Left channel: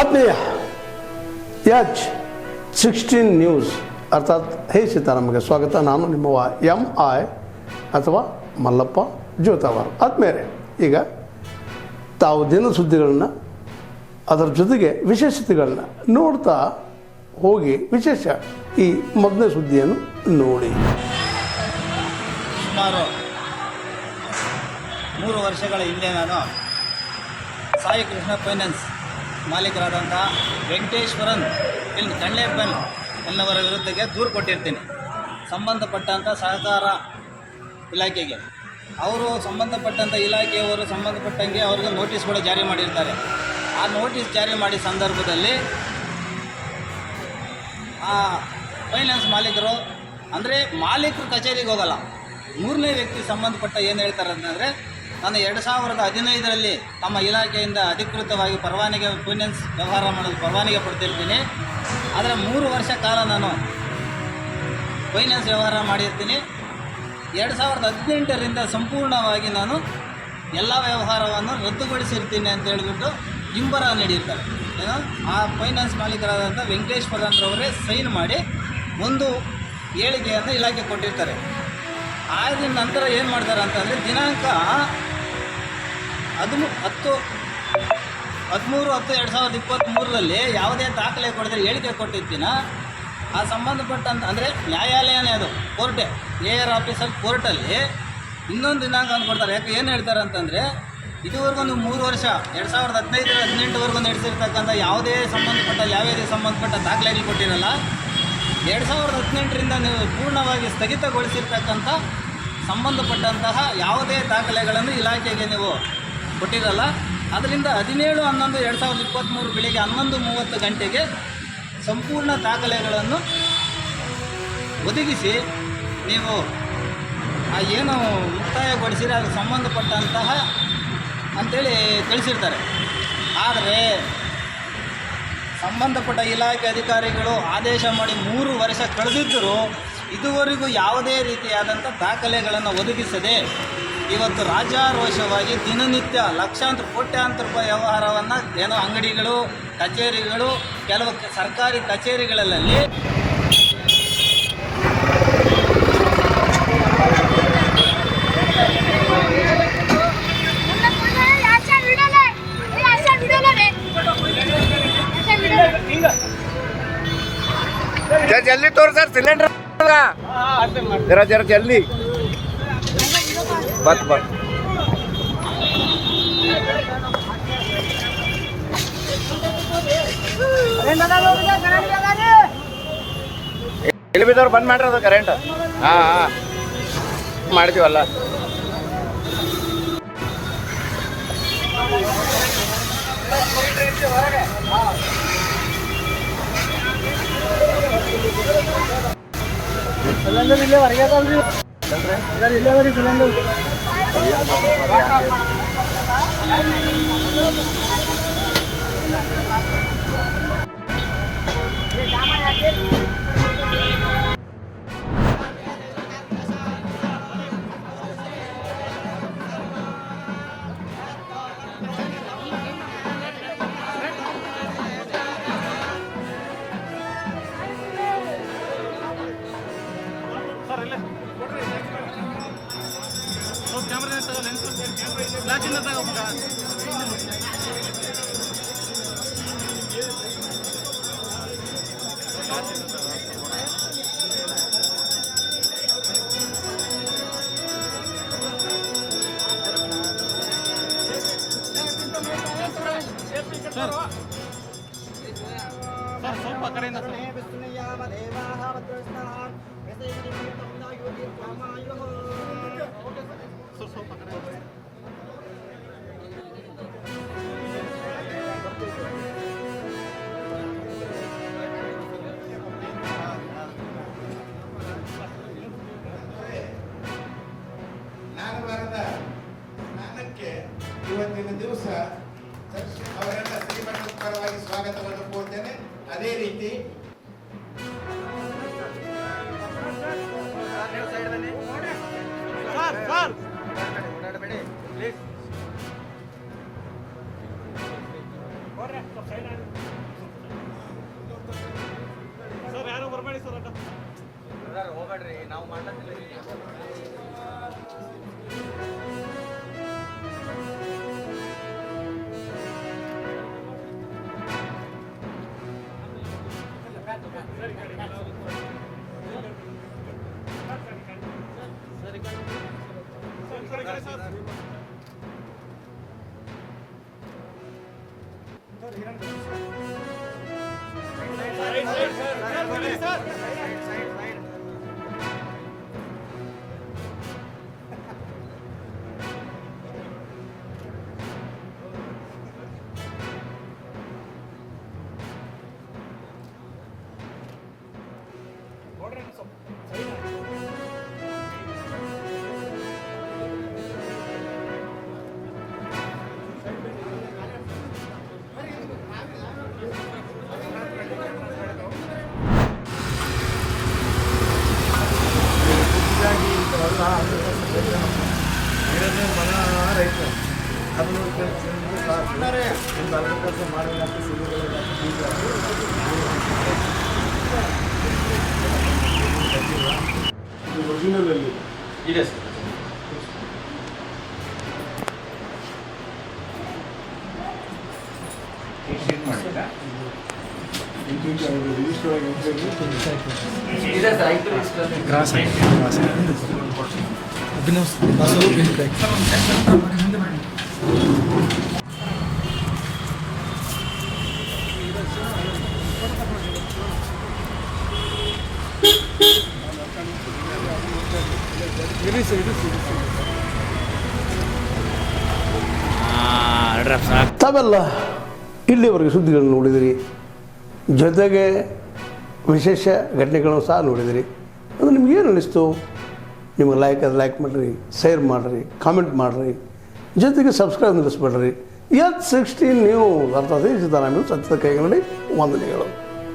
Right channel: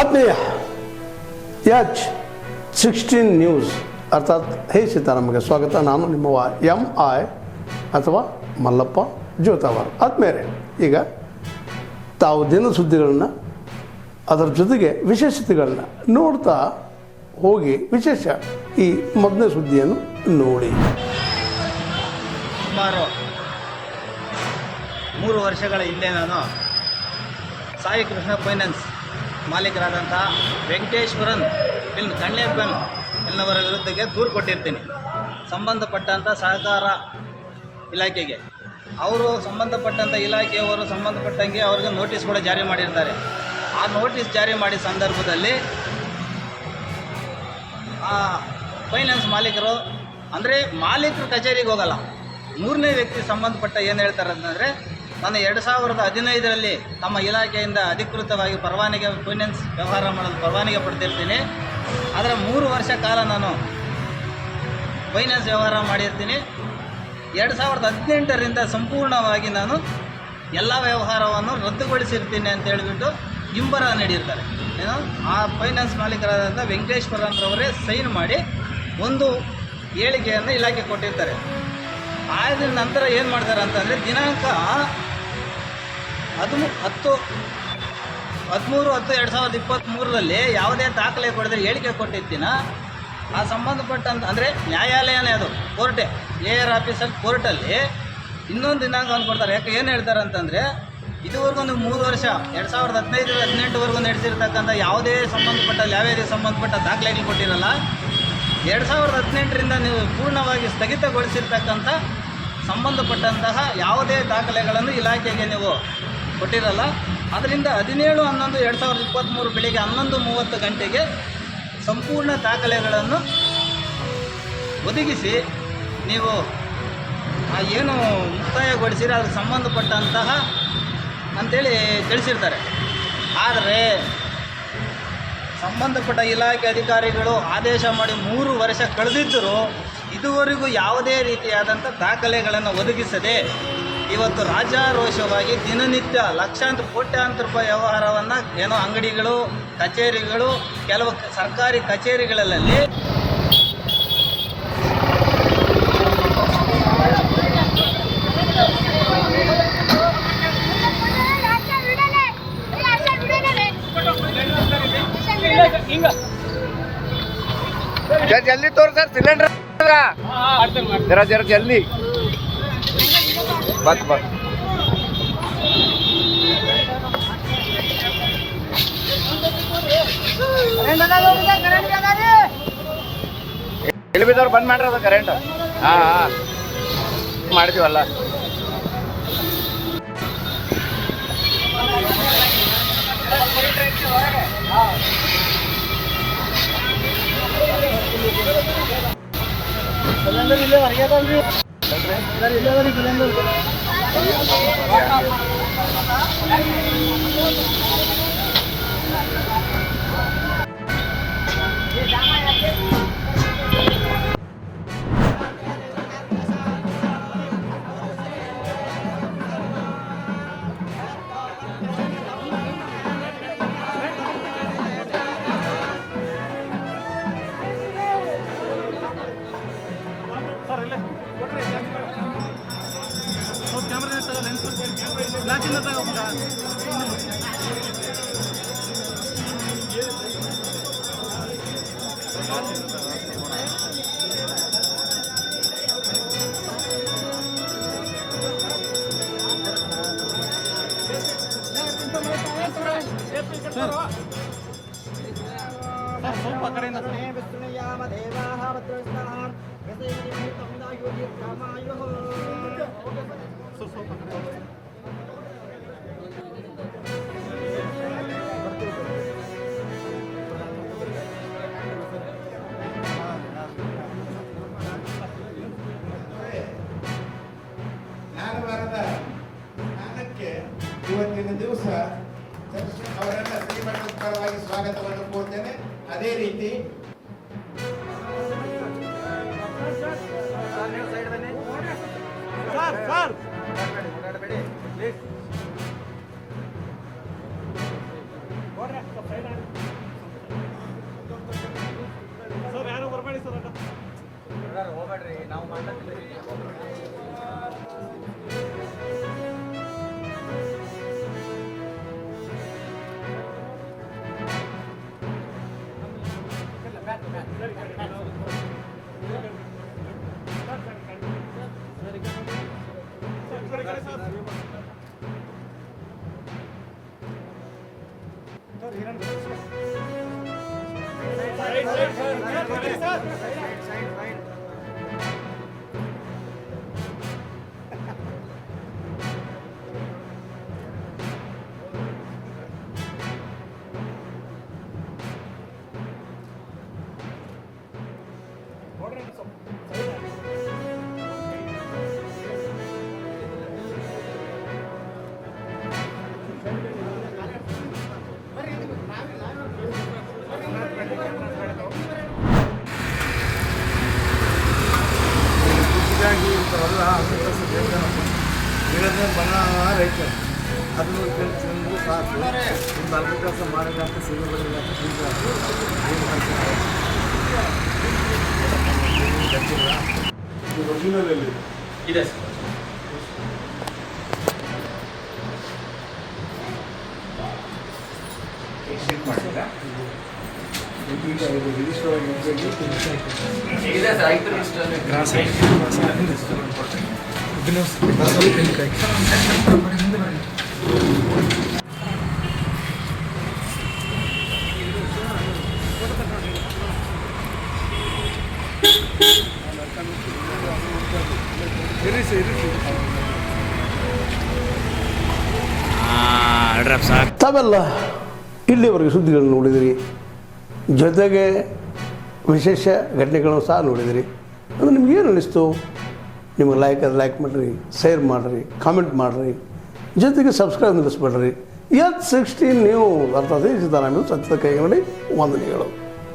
ಆತ್ಮೀಯ H16 news ಅರ್ಥಾತ್ ಹೇ ಸೀತಾರಾಮಗೆ ಸ್ವಾಗತ. ನಾನು ನಿಮ್ಮವ MI ಅಥವಾ ಮಲ್ಲಪ್ಪ ಜೋತಾವರ್. ಆದ್ಮೇಲೆ ಈಗ ತಾವು ದಿನ ಸುದ್ದಿಗಳನ್ನ ಅದರ ಜೊತೆಗೆ ವಿಶೇಷತೆಗಳನ್ನ ನೋಡ್ತಾ ಹೋಗಿ ವಿಶೇಷ ಈ ಮೊದಲನೇ ಸುದ್ದಿಯನ್ನು ನೋಡಿ. ಸುಮಾರು 3 ವರ್ಷಗಳ ಹಿಂದೆ ನಾನು ಸಾಯಿ ಕೃಷ್ಣ ಫೈನಾನ್ಸ್ ಮಾಲೀಕರಾದಂಥ ವೆಂಕಟೇಶ್ವರನ್ ಕಣ್ಣೆಬ್ಬನ್ ಎನ್ನವರ ವಿರುದ್ಧಕ್ಕೆ ದೂರು ಕೊಟ್ಟಿರ್ತೀನಿ ಸಂಬಂಧಪಟ್ಟಂಥ ಸಹಕಾರ ಇಲಾಖೆಗೆ. ಅವರು ಸಂಬಂಧಪಟ್ಟಂಥ ಇಲಾಖೆಯವರು ಸಂಬಂಧಪಟ್ಟಂಗೆ ಅವ್ರಿಗೆ ನೋಟಿಸ್ ಕೂಡ ಜಾರಿ ಮಾಡಿರ್ತಾರೆ. ಆ ನೋಟಿಸ್ ಜಾರಿ ಮಾಡಿದ ಸಂದರ್ಭದಲ್ಲಿ ಆ ಫೈನಾನ್ಸ್ ಮಾಲೀಕರು ಅಂದರೆ ಮಾಲೀಕರು ಕಚೇರಿಗೆ ಹೋಗಲ್ಲ, ಮೂರನೇ ವ್ಯಕ್ತಿ ಸಂಬಂಧಪಟ್ಟ ಏನು ಹೇಳ್ತಾರೆ ಅಂತಂದರೆ, ನಾನು 2015ರಲ್ಲಿ ತಮ್ಮ ಇಲಾಖೆಯಿಂದ ಅಧಿಕೃತವಾಗಿ ಪರವಾನಗಿ ಫೈನಾನ್ಸ್ ವ್ಯವಹಾರ ಮಾಡಲು ಪರವಾನಗಿ ಪಡೆದಿರ್ತೀನಿ. ಆದರೆ 3 ವರ್ಷ ಕಾಲ ನಾನು ಫೈನಾನ್ಸ್ ವ್ಯವಹಾರ ಮಾಡಿರ್ತೀನಿ. 2018ರಿಂದ ಸಂಪೂರ್ಣವಾಗಿ ನಾನು ಎಲ್ಲ ವ್ಯವಹಾರವನ್ನು ರದ್ದುಗೊಳಿಸಿರ್ತೀನಿ ಅಂತ ಹೇಳಿಬಿಟ್ಟು ಹಿಂಬರ ನೀಡಿರ್ತಾರೆ. ಏನು ಆ ಫೈನಾನ್ಸ್ ಮಾಲೀಕರಾದಂಥ ವೆಂಕಟೇಶ್ವರನ್ರವರೇ ಸೈನ್ ಮಾಡಿ ಒಂದು ಹೇಳಿಕೆಯನ್ನು ಇಲಾಖೆ ಕೊಟ್ಟಿರ್ತಾರೆ. ಆದ ನಂತರ ಏನು ಮಾಡ್ತಾರೆ ಅಂತಂದರೆ, ದಿನಾಂಕ 13/10/2023ರಲ್ಲಿ ಯಾವುದೇ ದಾಖಲೆ ಕೊಡಿದ್ರೆ ಹೇಳಿಕೆ ಕೊಟ್ಟಿರ್ತೀನ ಆ ಸಂಬಂಧಪಟ್ಟಂತ ಅಂದರೆ ನ್ಯಾಯಾಲಯನೇ ಅದು ಕೋರ್ಟೇ AR ಆಫೀಸಲ್ಲಿ ಕೋರ್ಟಲ್ಲಿ ಇನ್ನೊಂದು ದಿನಾಂಕ ಅಂದ್ಕೊಡ್ತಾರೆ. ಯಾಕೆ ಏನು ಹೇಳ್ತಾರೆ ಅಂತಂದರೆ, ಇದುವರೆಗೂ ನೀವು 3 ವರ್ಷ 2015-18ವರೆಗೂ ನಡೆಸಿರ್ತಕ್ಕಂಥ ಯಾವುದೇ ಸಂಬಂಧಪಟ್ಟ ದಾಖಲೆಗಳು ಕೊಟ್ಟಿರಲ್ಲ. 2018ರಿಂದ ನೀವು ಪೂರ್ಣವಾಗಿ ಸ್ಥಗಿತಗೊಳಿಸಿರ್ತಕ್ಕಂಥ ಸಂಬಂಧಪಟ್ಟಂತಹ ಯಾವುದೇ ದಾಖಲೆಗಳನ್ನು ಇಲಾಖೆಗೆ ನೀವು ಕೊಟ್ಟಿರಲ್ಲ. ಅದರಿಂದ 17/11/2023 ಬೆಳಿಗ್ಗೆ 11:30 ಗಂಟೆಗೆ ಸಂಪೂರ್ಣ ದಾಖಲೆಗಳನ್ನು ಒದಗಿಸಿ ನೀವು ಏನು ಮುಕ್ತಾಯಗೊಳಿಸಿರೋ ಅದಕ್ಕೆ ಸಂಬಂಧಪಟ್ಟಂತಹ ಅಂಥೇಳಿ ತಿಳಿಸಿರ್ತಾರೆ. ಆದರೆ ಸಂಬಂಧಪಟ್ಟ ಇಲಾಖೆ ಅಧಿಕಾರಿಗಳು ಆದೇಶ ಮಾಡಿ 3 ವರ್ಷ ಕಳೆದಿದ್ದರೂ ಇದುವರೆಗೂ ಯಾವುದೇ ರೀತಿಯಾದಂಥ ದಾಖಲೆಗಳನ್ನು ಒದಗಿಸದೆ ಇವತ್ತು ರಾಜಾರೋಷವಾಗಿ ದಿನನಿತ್ಯ ಲಕ್ಷಾಂತರ ಕೋಟ್ಯಾಂತರ ರೂಪಾಯಿ ವ್ಯವಹಾರವನ್ನು ಏನೋ ಅಂಗಡಿಗಳು, ಕಚೇರಿಗಳು, ಕೆಲವು ಸರ್ಕಾರಿ ಕಚೇರಿಗಳಲ್ಲಿ जल्दी तोड़ सर सिलेंडर जरा जरा जल्दी बस बस ಇಳಿಬಿದವ್ರು ಬಂದ್ ಮಾಡ್ರಿ ಅದು ಕರೆಂಟ್. ಹಾಂ ಮಾಡಿದೀವಲ್ಲ. ಸಿಲಿಂಡರ್ ಇಲ್ಲೇ ಹೊರಗೆ ಅದಲ್ರಿ, ಇಲ್ಲೇ ಬರೀ ಸಿಲಿಂಡರ್. ಸ್ವಲ್ಪ ಕಡೆಯಿಂದ ನಾಗವಾರದ ಸ್ನಾನಕ್ಕೆ ಇವತ್ತಿನ ದಿವಸ ಅವರೆಲ್ಲ ಶ್ರೀಮಠದ ಪರವಾಗಿ ಸ್ವಾಗತವನ್ನು ಕೋರ್ತೇನೆ. ಅದೇ ರೀತಿ ಪ್ಲೀಸ್ ಇದೆ ಸರ್. ಇದೆ ಸರ್, ಐದು ತಾವೆಲ್ಲ ಇಲ್ಲಿವರೆಗೆ ಸುದ್ದಿಗಳನ್ನು ನೋಡಿದಿರಿ, ಜೊತೆಗೆ ವಿಶೇಷ ಘಟನೆಗಳನ್ನು ಸಹ ನೋಡಿದಿರಿ. ಅದು ನಿಮ್ಗೇನು ಅನ್ನಿಸ್ತು? ನಿಮಗೆ ಲೈಕ್ ಮಾಡಿರಿ, ಶೇರ್ ಮಾಡಿರಿ, ಕಾಮೆಂಟ್ ಮಾಡಿರಿ, ಜೊತೆಗೆ ಸಬ್ಸ್ಕ್ರೈಬ್ ನಿಲ್ಲಿಸ್ಬೇಡ್ರಿ. H16 ನ್ಯೂಸ್ ಅರ್ಥಾತ್ ಸಿದ್ದರಾಮಯ್ಯ ಸತ್ಯದ ಕೈಗನ್ನಡಿ ವಂದನೆಗಳು.